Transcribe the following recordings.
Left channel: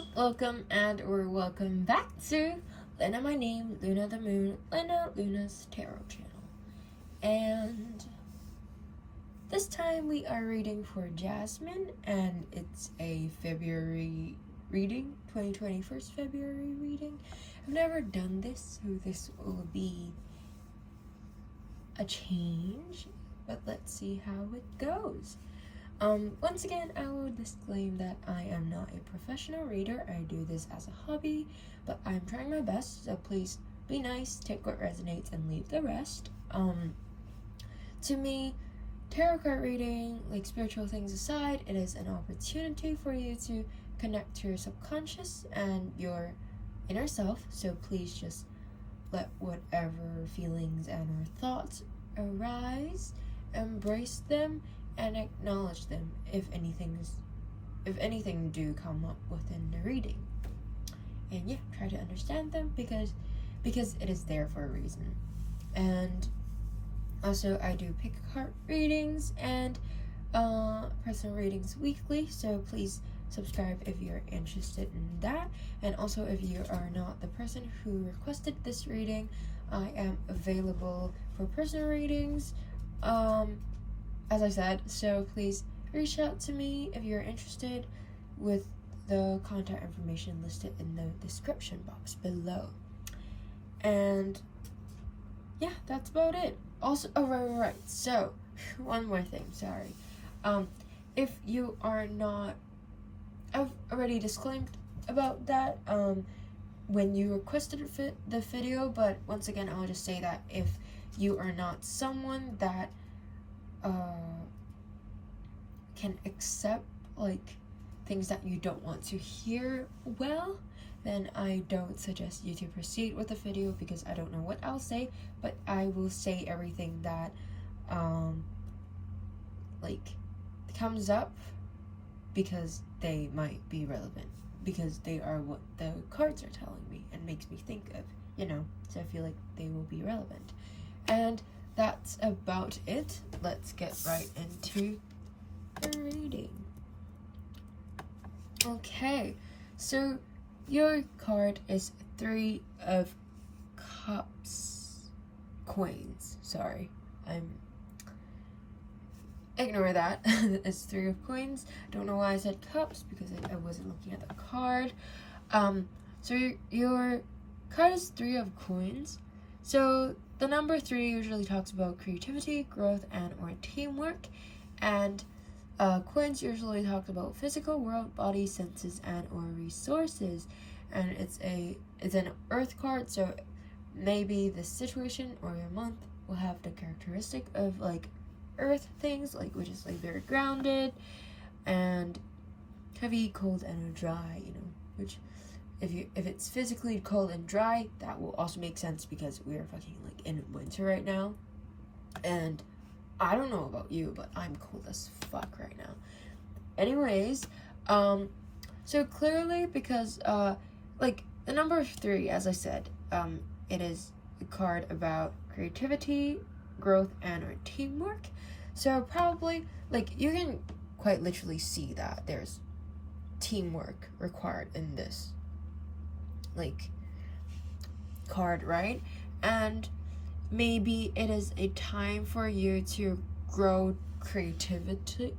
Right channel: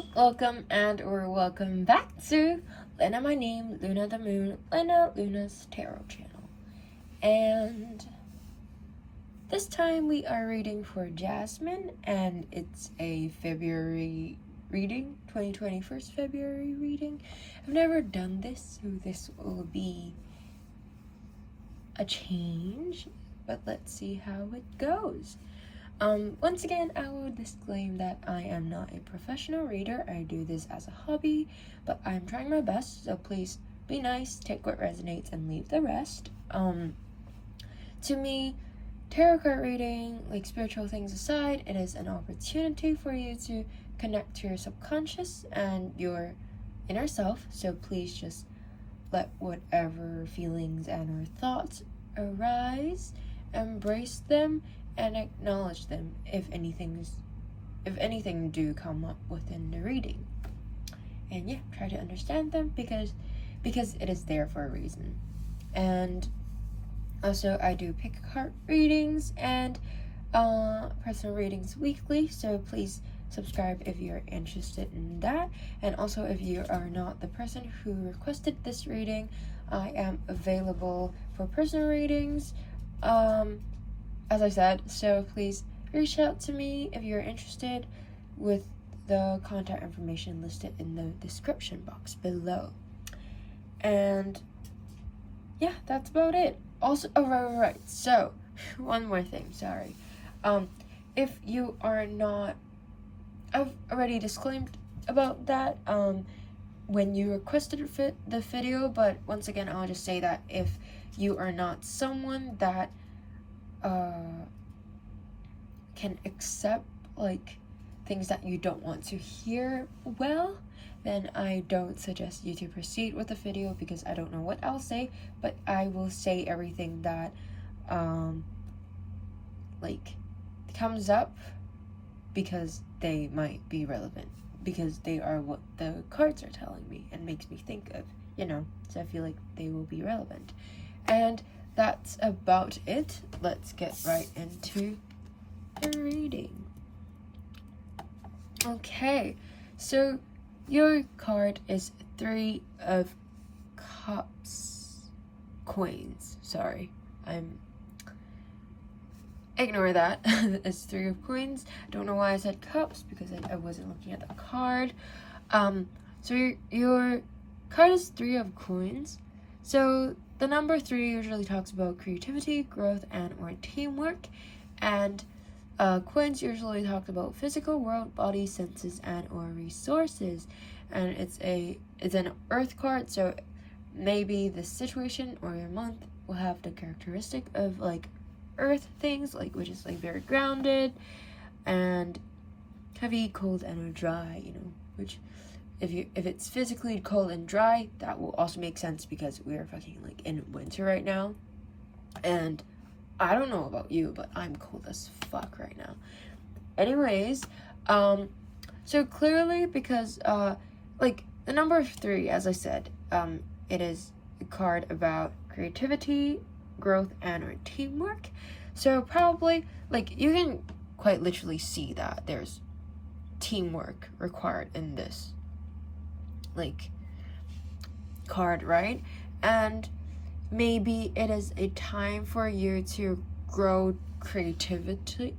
Hello, welcome or welcome back to Lena My Name, Luna the Moon, Lena Luna's Tarot channel. And this time we are reading for Jasmine, and it's a February reading, 2021 February reading. I've never done this, so this will be a change, but let's see how it goes. Once again, I will disclaim that I am not a professional reader. I do this as a hobby, but I'm trying my best, so please be nice, take what resonates, and leave the rest. To me, tarot card reading, like spiritual things aside, it is an opportunity for you to connect to your subconscious and your inner self, so please just let whatever feelings and or thoughts arise, embrace them, and acknowledge them if anything do come up within the reading. And yeah, try to understand them because it is there for a reason. And also I do pick card readings and personal readings weekly, so please subscribe if you're interested in that. And also, if you are not the person who requested this reading, I am available for personal readings, as I said, so please reach out to me if you're interested with the contact information listed in the description box below. And yeah, that's about it. Also, right. So, one more thing, sorry. If you are not, I've already disclaimed about that when you requested the video, but once again, I'll just say that if you are not someone that can accept like things that you don't want to hear, well, then I don't suggest you to proceed with the video, because I don't know what I'll say, but I will say everything that like comes up, because they might be relevant, because they are what the cards are telling me and makes me think of, so I feel like they will be relevant. And that's about it. Let's get right into the reading. Okay, so your card is 3 of Cups. Coins. Sorry, ignore that. It's 3 of Coins. I don't know why I said cups, because I wasn't looking at the card. So your card is 3 of Coins. So the number 3 usually talks about creativity, growth, and or teamwork, and coins usually talk about physical world, body, senses, and or resources. And it's an earth card, so maybe the situation or your month will have the characteristic of like earth things, like which is like very grounded and heavy, cold, and dry, which if it's physically cold and dry, that will also make sense, because we are fucking like in winter right now, and I don't know about you, but I'm cold as fuck right now. Anyways, so clearly, because like the number 3, as I said, it is a card about creativity, growth, and or teamwork. So probably like you can quite literally see that there's teamwork required in this like card, right? And maybe it is a time for you to grow creatively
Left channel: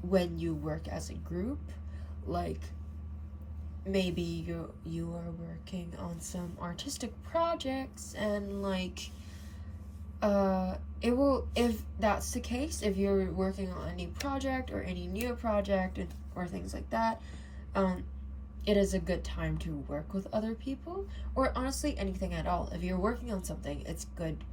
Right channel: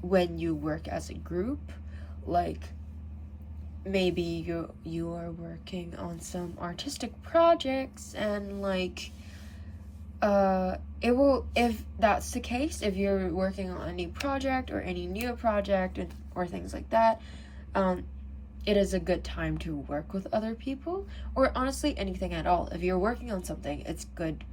when you work as a group. Like maybe you are working on some artistic projects, and like it will, if that's the case, if you're working on any project or any new project or things like that, it is a good time to work with other people, or honestly anything at all. If you're working on something, it's good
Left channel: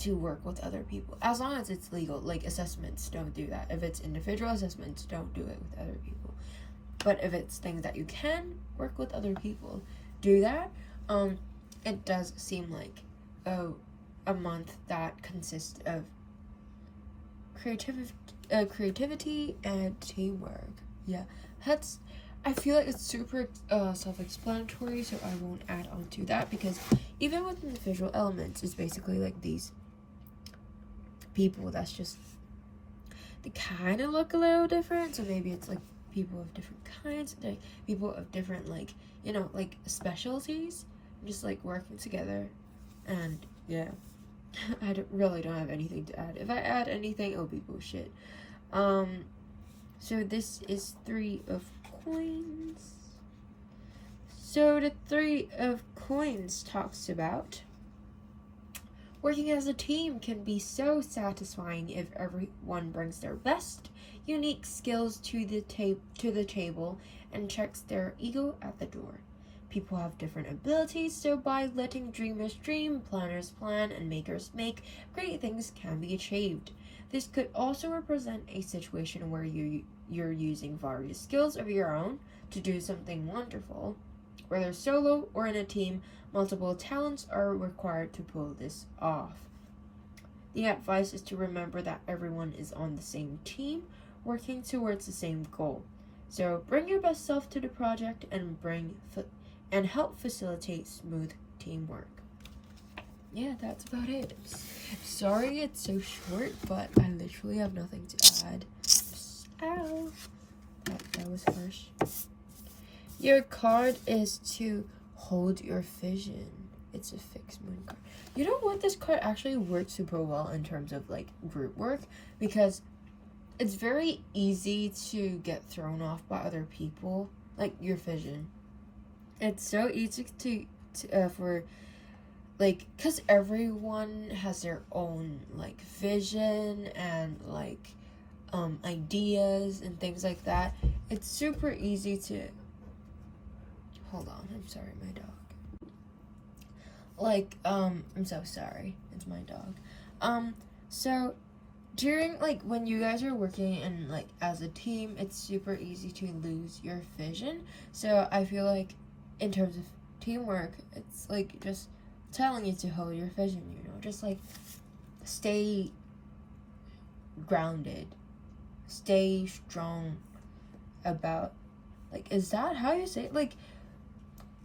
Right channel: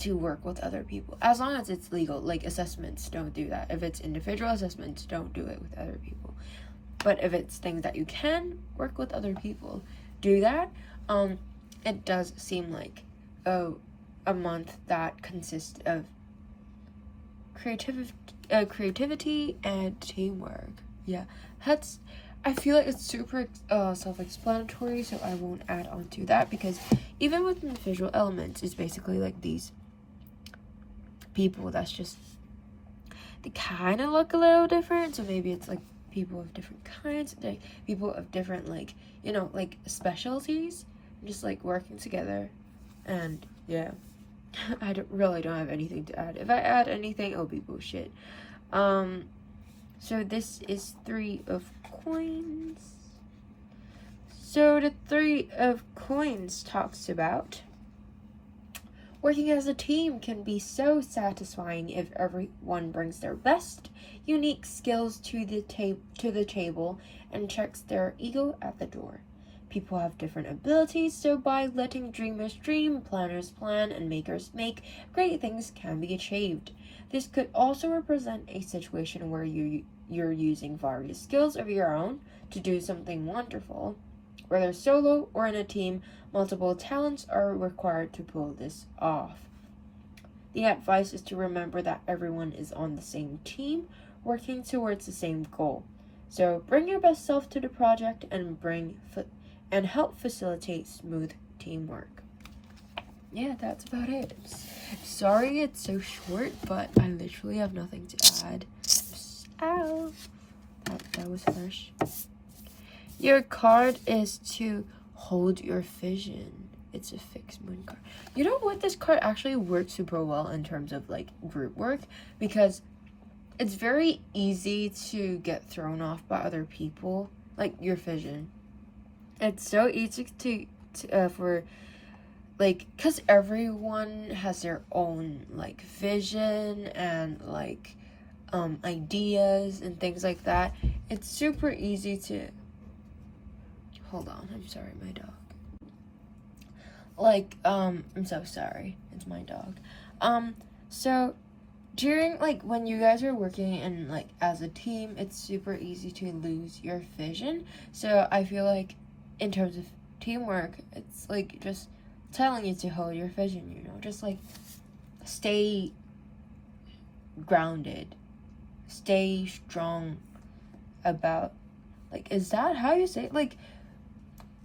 to work with other people, as long as it's legal. Like assessments, don't do that. If it's individual assessments, don't do it with other people. But if it's things that you can work with other people, do that. It does seem like a month that consists of creativity and teamwork. Yeah, I feel like it's super self-explanatory, so I won't add on to that, because even within the visual elements, it's basically like these people that's just they kind of look a little different. So maybe it's like people of different kinds, like people of different, like, you know, like specialties, just like working together. And yeah, I really don't have anything to add. If I add anything, it'll be bullshit. So this is 3 of coins. So the 3 of coins talks about working as a team can be so satisfying if everyone brings their best, unique skills to the table and checks their ego at the door. People have different abilities, so by letting dreamers dream, planners plan, and makers make, great things can be achieved. This could also represent a situation where you're using various skills of your own to do something wonderful. Whether solo or in a team, multiple talents are required to pull this off. The advice is to remember that everyone is on the same team, working towards the same goal. So bring your best self to the project and help facilitate smooth teamwork. Yeah, that's about it. Sorry it's so short, but I literally have nothing to add. Ow! That was harsh. Your card is to hold your vision. It's a fixed moon card. You know what? This card actually works super well in terms of like group work, because it's very easy to get thrown off by other people, like your vision. It's so easy for like, because everyone has their own like vision and like ideas and things like that. It's super easy to hold on, I'm sorry, my dog. Like, I'm so sorry. It's my dog. So during, like, when you guys are working in, like, as a team, it's super easy to lose your vision. So I feel like in terms of teamwork, it's, like, just telling you to hold your vision, you know? Just, like, stay grounded. Stay strong about, like, is that how you say it?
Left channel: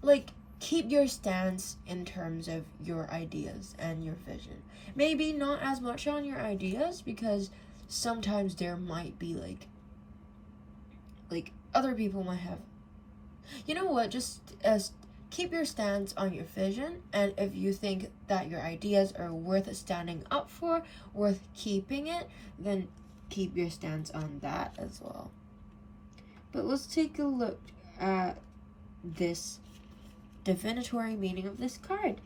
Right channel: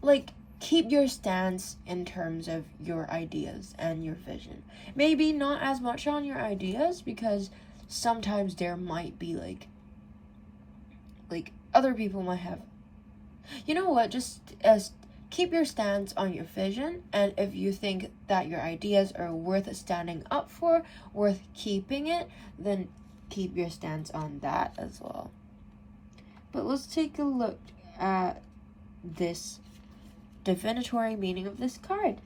Like, keep your stance in terms of your ideas and your vision. Maybe not as much on your ideas, because sometimes there might be like other people might have, you know what, just keep your stance on your vision, and if you think that your ideas are worth standing up for, worth keeping it, then keep your stance on that as well. But let's take a look at this divinatory meaning of this card.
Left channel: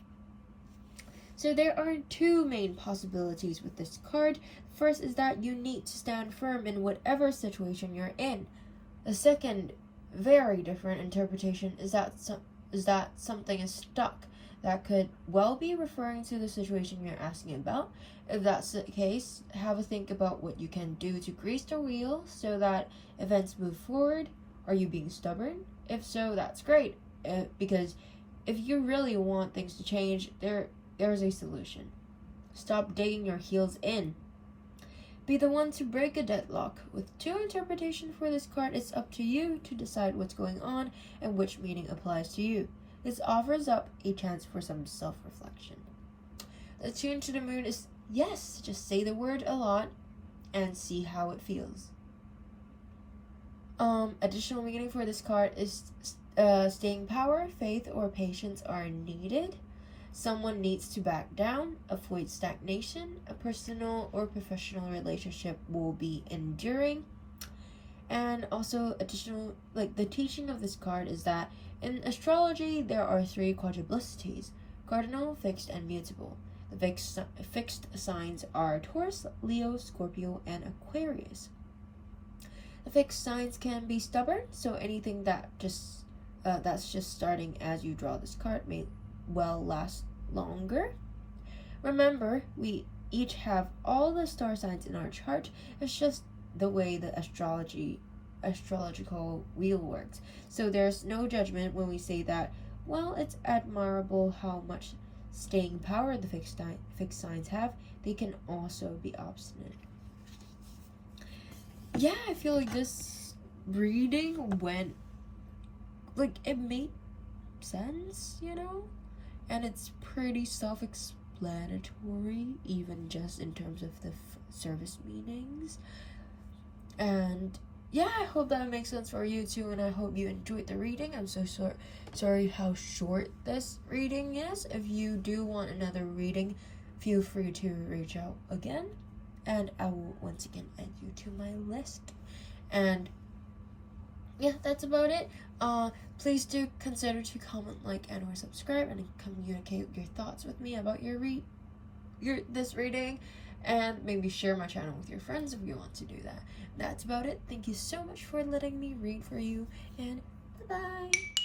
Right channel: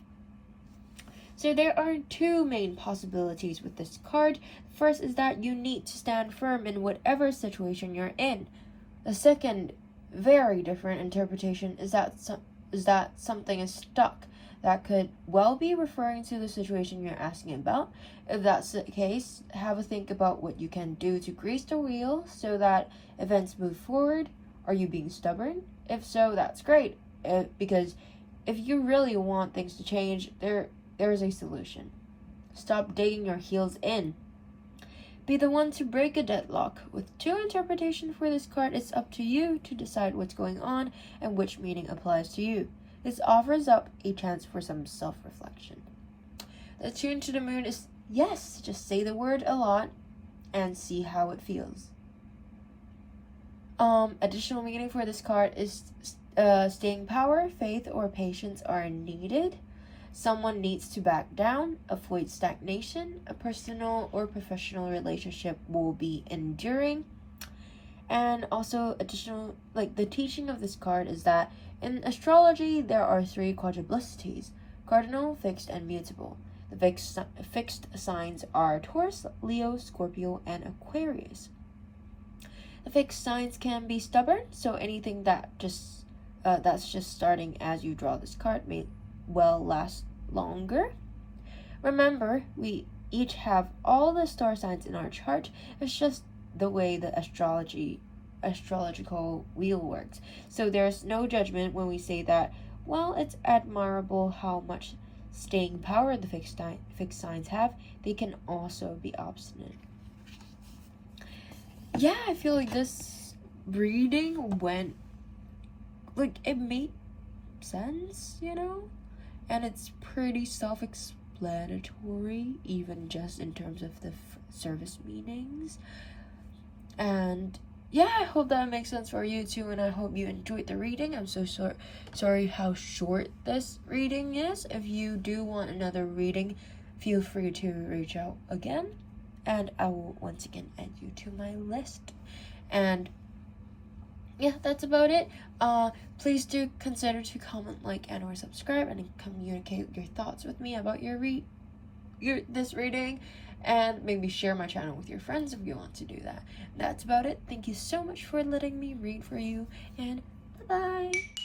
So there are 2 main possibilities with this card. First is that you need to stand firm in whatever situation you're in. The second, very different interpretation is that something is stuck. That could well be referring to the situation you're asking about. If that's the case, have a think about what you can do to grease the wheel so that events move forward. Are you being stubborn? If so, that's great. Because if you really want things to change, there is a solution. Stop digging your heels in. Be the one to break a deadlock. With 2 interpretations for this card, it's up to you to decide what's going on and which meaning applies to you. This offers up a chance for some self-reflection. The tune to the moon is yes, just say the word a lot and see how it feels. Additional meaning for this card is staying power, faith, or patience are needed. Someone needs to back down, avoid stagnation. A personal or professional relationship will be enduring. And also additional, like the teaching of this card is that in astrology there are 3 quadruplicities: cardinal, fixed, and mutable. The fixed signs are Taurus, Leo, Scorpio, and Aquarius. The fixed signs can be stubborn, so anything that's just starting as you draw this card may well last longer. Remember, we each have all the star signs in our chart. It's just the way the astrological wheel works. So there's no judgment when we say that, well, it's admirable how much staying power the fixed signs have. They can also be obstinate. Yeah, I feel like this reading went, like, it made sense, you know? And it's pretty self-explanatory, even just in terms of the service meanings. And yeah, I hope that makes sense for you too, and I hope you enjoyed the reading. I'm so sorry how short this reading is. If you do want another reading, feel free to reach out again, and I will once again add you to my list. And yeah, that's about it. Please do consider to comment, like, and or subscribe, and communicate your thoughts with me about this reading, and maybe share my channel with your friends if you want to do that. That's about it. Thank you so much for letting me read for you, and bye-bye.